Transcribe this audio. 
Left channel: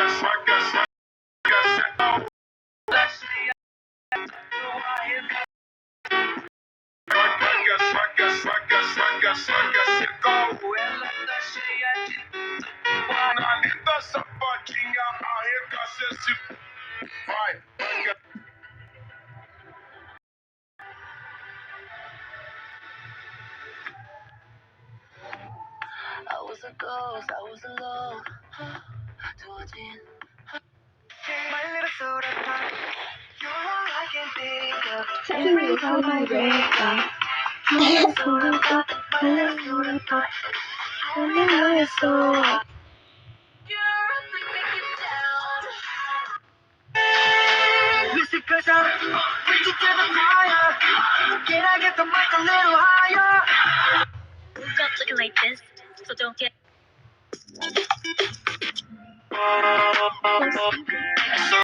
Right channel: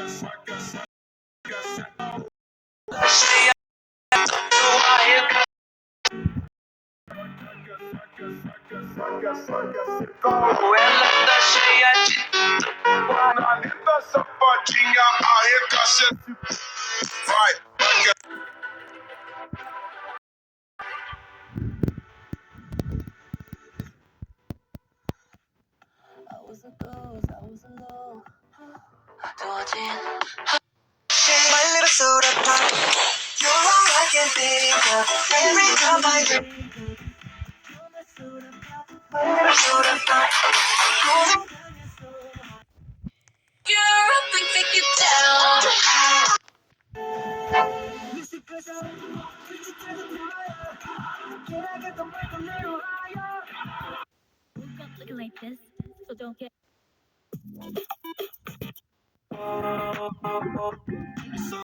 I was a ghost, I was alone. My little soda pop, you're all I can think of. Every time I wake up, my little soda pop, my little soda pop.